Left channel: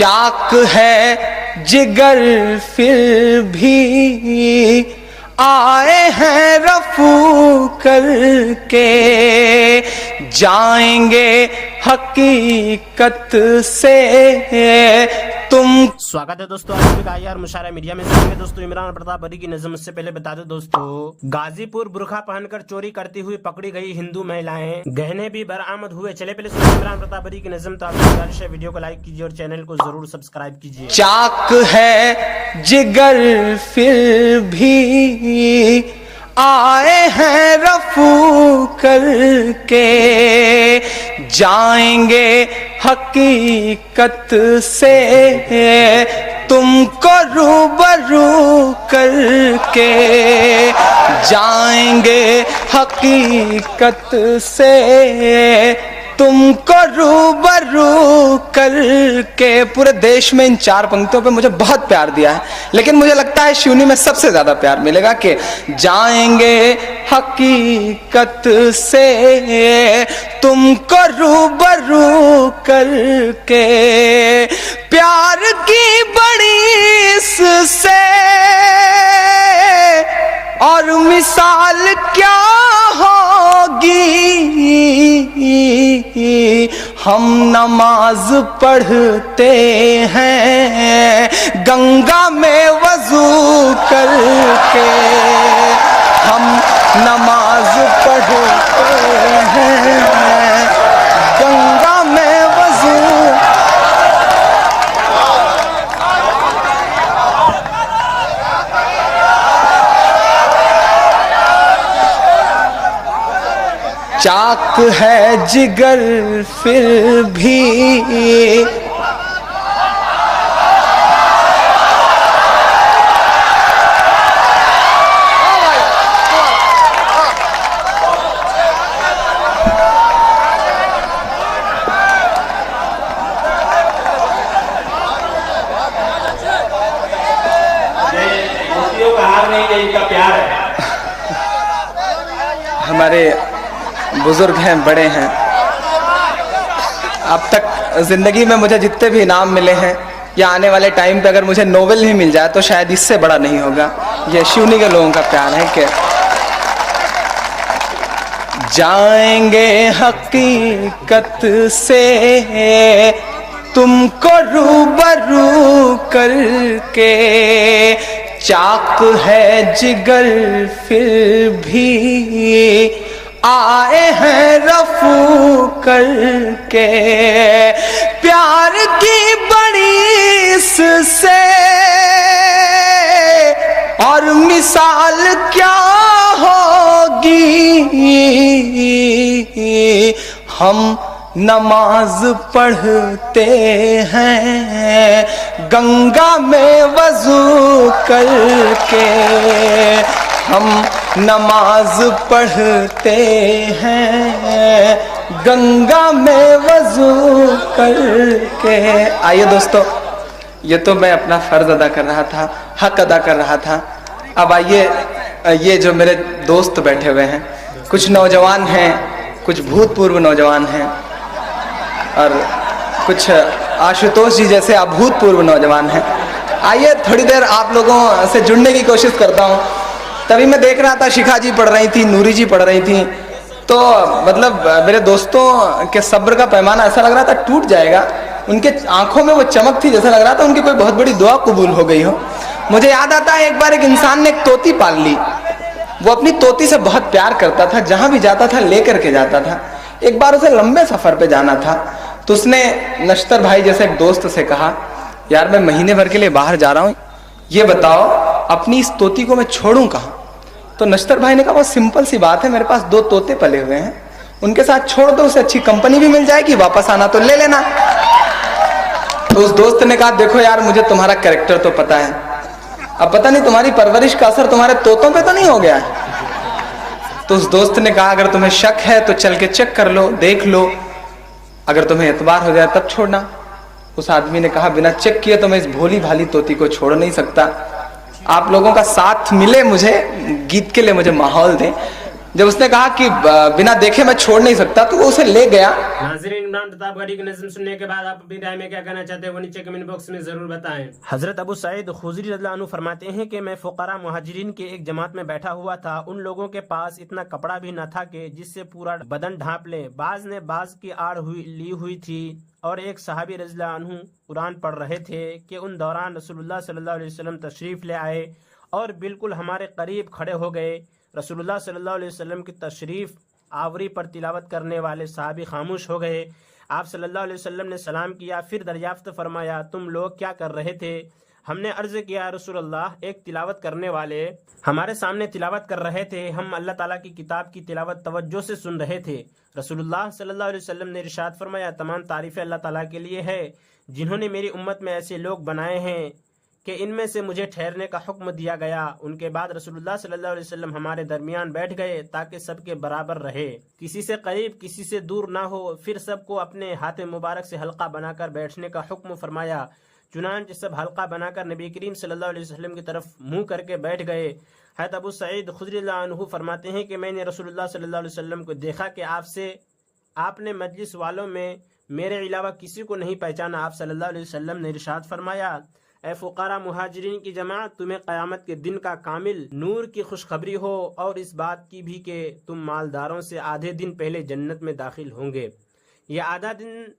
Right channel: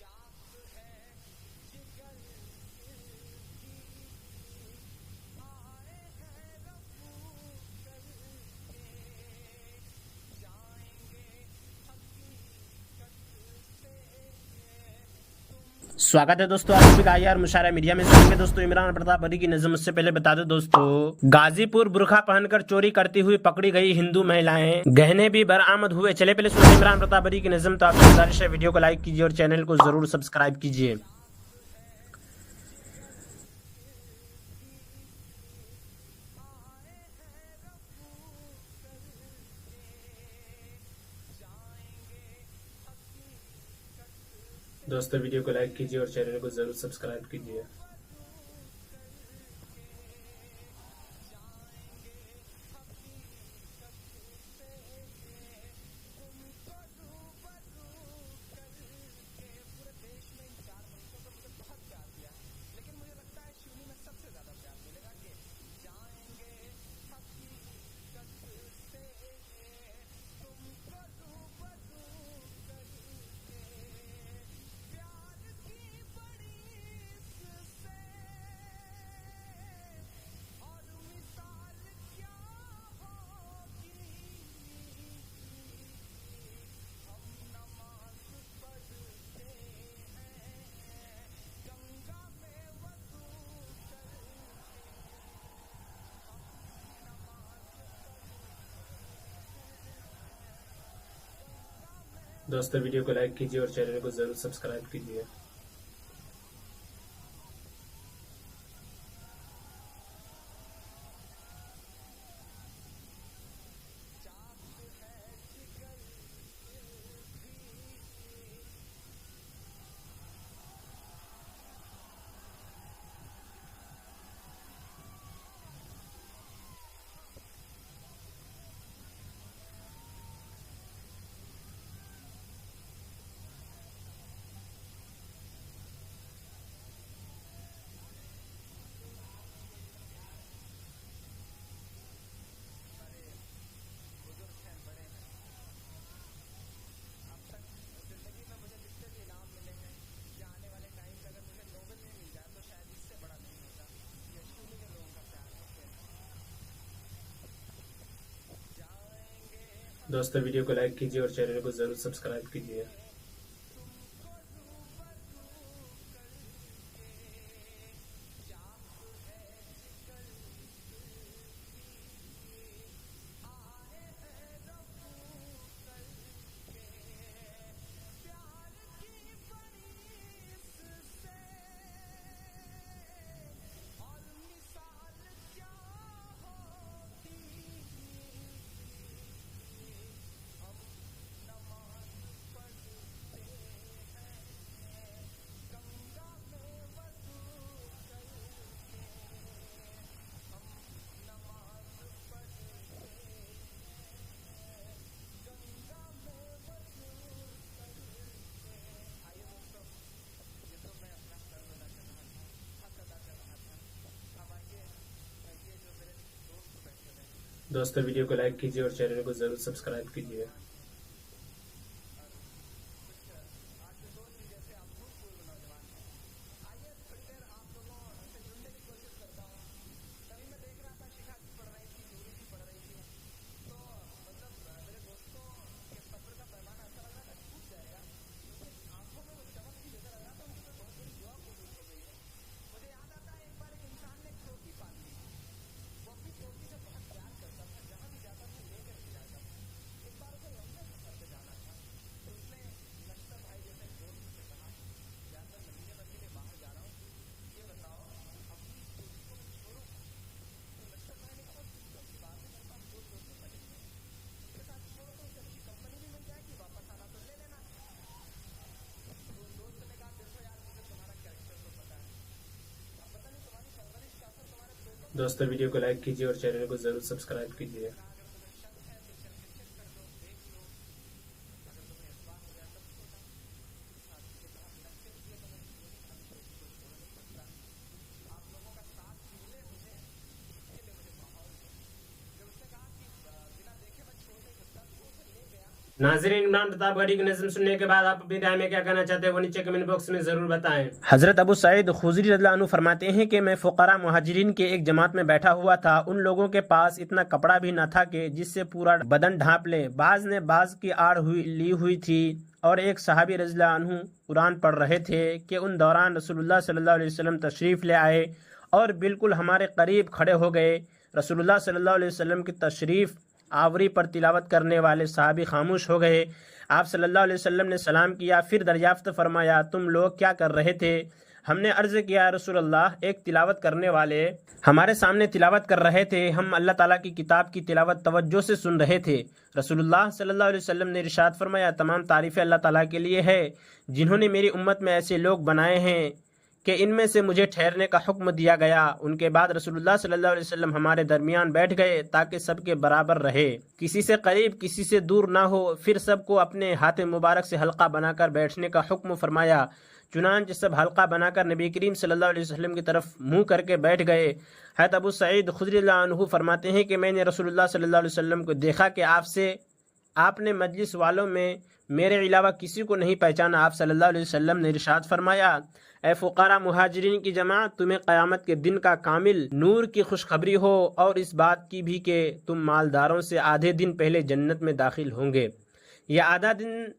चाक है जिगर फिर भी आए हैं रफू करके, जाएंगे हकीकत से तुम। स्वागत है दोस्तों आज भी आईआर मुशायरा मीडिया में। सुनेंगे दोस्तों इमरान प्रताप बरी की नज़म। उससे पहले बता दो दोस्तों, गाजीपुर बुरखा पहनकर चोरी करती हुई पकड़ी गई हिंदू महिलाएं, गहने भी बरामद हुए। चले पहले सुनिए इमरान प्रताप बरी की नज़म। तो आपकी गुजारिश है वीडियो को लाइक कीजिए और चैनल को जरूर सब्सक्राइब कीजिए। चाक है जिगर फिर भी आए हैं रफू करके, जाएंगे हकीकत से तुमको रूबरू करके, जाएंगे हकीकत से तुमको रूबरू करके। पूरे देश में इन चार पंक्तियों पे मुझे बहुत प्यार दिया है, लेकिन मुझे लगता है शिवनी में सबसे ज्यादा प्यार मिलेगा कि जाएंगे हकीकत से तुमको रूबरू करके। प्यार की बड़ी इससे और मिसाल क्या होगी, हम नमाज पढ़ते हैं गंगा में वजू करके, हम नमाज पढ़ते हैं गंगा में वजू। चाक है जिगर फिर भी हमारे बुजुर्ग हैं, बड़े हैं। अब तक जिंदगी में मुझे जितने भी इनाम मिले हैं या आने वाले टाइम पे अगर मुझे नोबेल नहीं मिल जाए तो शायद इससे बड़ा नहीं होगा। ये शिवनी के लोगों का प्यार है कि जाएंगे हकीकत से तुमको रूबरू करके, चाक है जिगर फिर भी आए हैं रफू करके। प्यार की बड़ी इससे और मिसाल क्या होगी, हम नमाज पढ़ते हैं गंगा में वजू करके, हम नमाज पढ़ते हैं गंगा में वजू करके। आइए दोस्तों, ये तो मैं अपना फर्ज अदा कर रहा था, हक अदा कर रहा था। अब आइए, ये जो मेरे दोस्त बैठे हुए हैं, कुछ नौजवान हैं, कुछ भूतपूर्व नौजवान हैं और कुछ आशुतोष जी जैसे अभूतपूर्व नौजवान हैं। आइए थोड़ी देर आप लोगों से जुड़ने की कोशिश करता हूँ। तभी मैं देख रहा था शिखा जी पढ़ रही थी, नूरी जी पढ़ रही थी, तो मतलब मेरे दोस्तों के सब्र का पैमाना ऐसा लग रहा था टूट जाएगा। उनके आंखों में वो चमक थी, जैसा लग रहा था उनकी कोई बहुत बड़ी दुआ कबूल हो गई हो। मुझे याद आता है एक बार एक इंसान ने एक तोती पाल ली। वो अपनी तोती से बहुत प्यार करता था, जहां भी जाता था लेकर के जाता था। एक बार उसे लंबे सफर पे जाना था, तो उसने नश्तर भाई जैसे एक दोस्त से कहा, यार मैं महीने भर के लिए बाहर जा रहा हूँ, ये बताओ अपनी इस तोती को मैं छोड़ूं कहाँ। तो नश्तर भाई ने कहा बहुत सिंपल सी बात है, मेरे पास 2 तोते पले हुए हैं, उनके साथ छोड़ दो, उसे अच्छी कंपनी भी मिल जाएगी, वापस आना तो ले लेना। तो उस दोस्त ने कहा देखो यार मुझे तुम्हारा कैरेक्टर तो पता है, अब पता नहीं तुम्हारी परवरिश का असर तुम्हारे तोतों पे तो नहीं हो गया है। तो उस दोस्त ने कहा अगर तुम्हें शक है तो चल के चेक कर लो, देख लो, अगर तुम्हें एतबार हो जाए तब छोड़ना। उस आदमी ने कहा बिना चेक किए तो मैं इस भोली भाली तोती को छोड़ नहीं सकता, आप लोगों का साथ मिले, मुझे गीत के लिए मुझे माहौल दें। जब उसने कहा कि बिना देखे मैं छोड़ नहीं सकता, तो वो उसे ले गया। नाज़रीन, इमरान प्रतापगढ़ी की नज़्म सुनने के बाद आप अपनी राय में क्या कहना चाहते हैं वो नीचे कमेंट बॉक्स में जरूर बताएं। हजरत अबू सईद खुदरी रज़ियल्लाहु अन्हु फरमाते हैं कि मैं फुकरा मुहाजिरीन के एक जमात में बैठा हुआ था। उन लोगों के पास इतना कपड़ा भी न था कि जिससे पूरा बदन ढांप ले। बाज ने बाज की आड़ ली हुई थी और एक सहाबी रज़ियल्लाहु अन्हु कुरान पढ़ रहे थे कि उन दौरान रसूलुल्लाह सल्लल्लाहु अलैहि वसल्लम तशरीफ़ ले आए और बिल्कुल हमारे करीब खड़े हो गए। रसूलुल्लाह सल्लल्लाहु अलैहि वसल्लम की तशरीफ़ आवरी पर तिलावत करने वाले सहाबी खामोश हो गए। आप सल्लल्लाहु अलैहि वसल्लम ने सलाम किया, फिर दरियाफ्त फरमाया, तुम लोग क्या कर रहे थे? हमने अर्ज़ किया, रसूलल्लाह, एक तिलावत करने वाले हमारे सामने तिलावत कर रहे थे। हम अल्लाह ताला की किताब की तिलावत तवज्जो से सुन रहे थे। रसूलुल्लाह सल्लल्लाहु अलैहि वसल्लम ने इरशाद फरमाया, तमाम तारीफ़ें अल्लाह ताला के लिए है जिन्होंने मेरी उम्मत में ऐसे लोग बनाए हैं कि इनमें से मुझे ठहरने का हुक्म दिया गया। उनके बाद रसूलुल्लाह सल्लल्लाहु अलैहि वसल्लम हमारे दरमियान बैठ गए ताकि सबके बराबर रहे, किसी से करीब किसी से दूर ना हो। फिर सबको अपने हाथ मुबारक से हल्का बनाकर बैठने का हुक्म फरमाया। चुनांचे सब हल्का बनाकर नबी करीम सल्लल्लाहु अलैहि वसल्लम की तरफ मुंह करके बैठ गए। हज़रत अबू सईद खुदरी रज़ियल्लाहु अन्हु फरमाते हैं कि मैंने रसूलुल्लाह सल्लल्लाहु अलैहि वसल्लम को देखा कि आपने मजलिस वालों में मेरे अलावा किसी को नहीं पहचाना। आप सल्लल्लाहु अलैहि वसल्लम ने इरशाद फरमाया, ए फुकारा मुहाजिरीन की जमात, तुम्हें क़यामत के दिन का कामिल नूर की खुशखबरी हो और इस बात की भी कि तुम मालदारों से आधे दिन पहले जन्नत में दाखिल होंगे। यह आधा दिन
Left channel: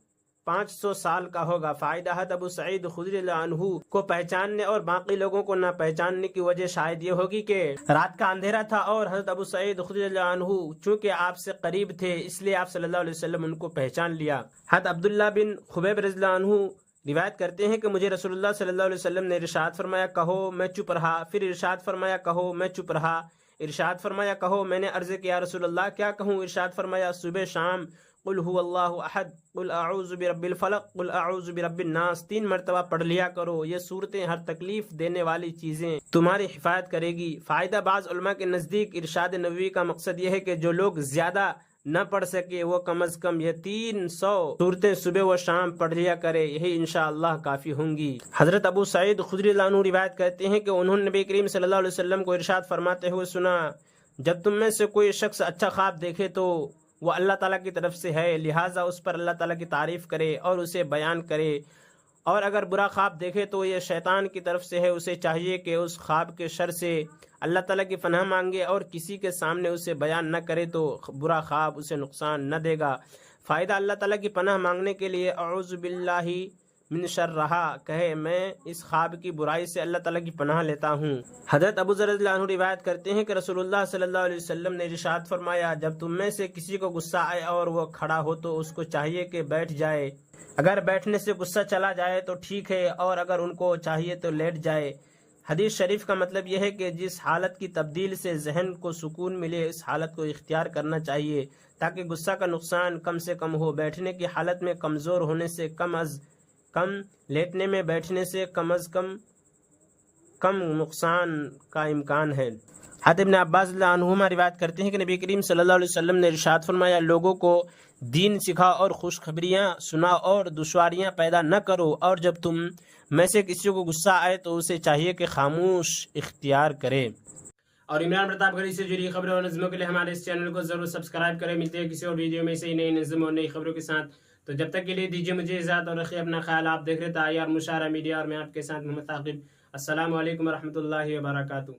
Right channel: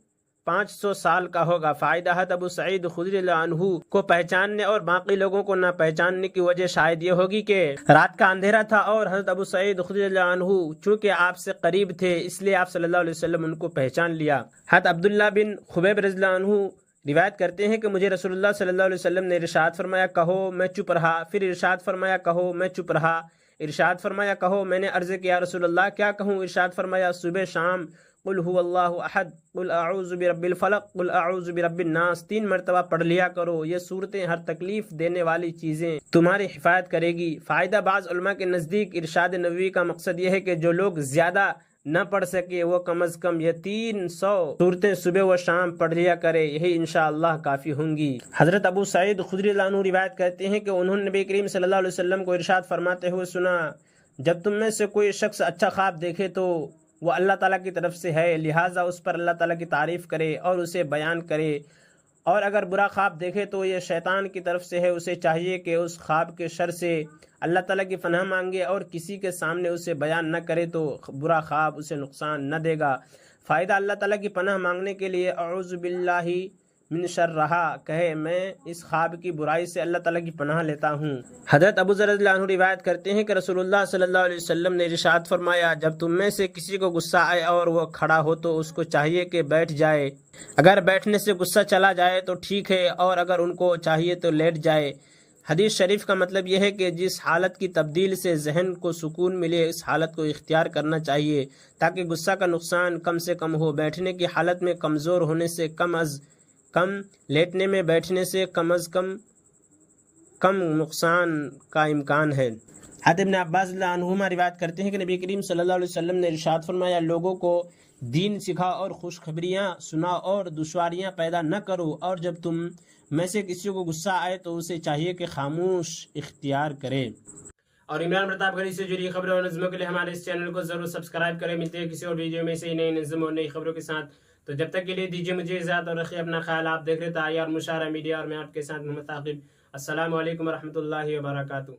500 साल का होगा। फ़ायदा हज़रत अबू सईद खुदरी रज़ियल्लाहु अन्हु को पहचानने और बाकी लोगों को न पहचानने की वजह शायद ये होगी कि रात का अंधेरा था और हज़रत अबू सईद खुदरी रज़ियल्लाहु अन्हु चूँकि आपसे करीब थे इसलिए आप सल्लल्लाहु अलैहि वसल्लम उनको पहचान लिया। हज़रत अब्दुल्लाह बिन खुबैब रज़ियल्लाहु अन्हु रिवायत करते हैं कि मुझे रसूलुल्लाह सल्लल्लाहु अलैहि वसल्लम ने इरशाद फरमाया, कहो, मैं चुप रहा। फिर इरशाद फरमाया, कहो, मैं चुप रहा। इरशाद फरमाया, कहो। मैंने अर्ज़ किया, रसूलुल्लाह, क्या कहूँ? इरशाद फरमाया, सुबह शाम कुल हुवल्लाहु अहद, कुल अऊज़ु बिरब्बिल फलक, कुल अऊज़ु बिरब्बिन नास 3 मरतबा पढ़ लिया करो। ये सूरतें हर तकलीफ देने वाली चीज़ें तुम्हारी हिफायत करेगी। फ़ायदा, बाज़ उलमा के नज़दीक इरशाद नबवी का मकसद यह है कि जो लोग ज़्यादा न पढ़ सके वो कम अज़ कम ये 300 सूरतें सुबह व शाम पढ़ लिया करे, यही इंशाअल्लाह काफ़ी होंगी। हज़रत अबू सईद खुदरी रज़ियल्लाहु अन्हु रिवायत करते हैं कि उन्होंने नबी करीम सल्लल्लाहु अलैहि वसल्लम को इरशाद फरमाते हुए सुना, जब तुम में से कोई शख्स अच्छा ख्वाब देखे तो वह अल्लाह ताला की तरफ से है, लिहाजा उस पर अल्लाह ताला की तारीफ़ करे और उसे बयान करे, और अगर बुरा ख्वाब देखे तो ये शैतान की तरफ से है। उसे चाहिए कि उस ख्वाब के शर से अल्लाह ताला की पनाह मांगे और किसी के सामने उसे बयान न करे तो बुरा ख्वाब उसे नुकसान न देगा। फ़ायदा, अल्लाह ताला की पनाह मांगने के लिए अऊज़ु बिल्लाहि मिन शर्रिहा कहे, मैं इस ख्वाब की बुराई से अल्लाह ताला की पनाह लेता हूँ। हज़रत अबू ज़र रज़ियल्लाहु अन्हु रिवायत करते हैं कि रसूलुल्लाह सल्लल्लाहु अलैहि वसल्लम ने इरशाद फरमाया, जब तुम में से किसी को गुस्सा आए और वो खड़ा हो तो उसको चाहिए कि बैठ जाए। अगर बैठने से गुस्सा चला जाए तो ठीक है, और अगर उनको चाहिए तो लेट जाए। हदीस शरीफ का मतलब यह है कि जिस हालत की तब्दील से जहन को सुकून मिले इस हालत को इख्तियार करना चाहिए ताकि गुस्सा का नुकसान कम से कम हो। बैठने की हालत में कमज़ोर होने से कम अज़ कम, लेटने में बैठने से कम अज़ कम नुकसान का इम्कान है। हज़रत इब्न अब्बास रज़ियल्लाहु अन्हुमा रिवायत करते हैं कि नबी करीम सल्लल्लाहु अलैहि वसल्लम ने इरशाद फरमाया, लोगों को दीन सिखा और खुशखबरियाँ सुना और दुश्वारियाँ पैदा न करो, और जब तुम में से किसी को गुस्सा आए तो उसे चाहिए कि खामोश इख्तियार करे। और इमरान प्रतापगढ़ी से जुड़ी खबरों और नज़मों के लिए हमारे इस चैनल को ज़रूर सब्सक्राइब करें। मिलते हैं किसी और वीडियो में से नई नज़म और नई खबरों के साथ। तो जब तक के लिए दीजिए मुझे इजाज़त और रखिए अपना ख्याल। आप देख रहे थे आईआर मुशारा मीडिया और मैं आपके साथ मोहम्मद ताक़िब। अस्सलामु अलैकुम व रहमतुल्लाहि व बरकातुहू।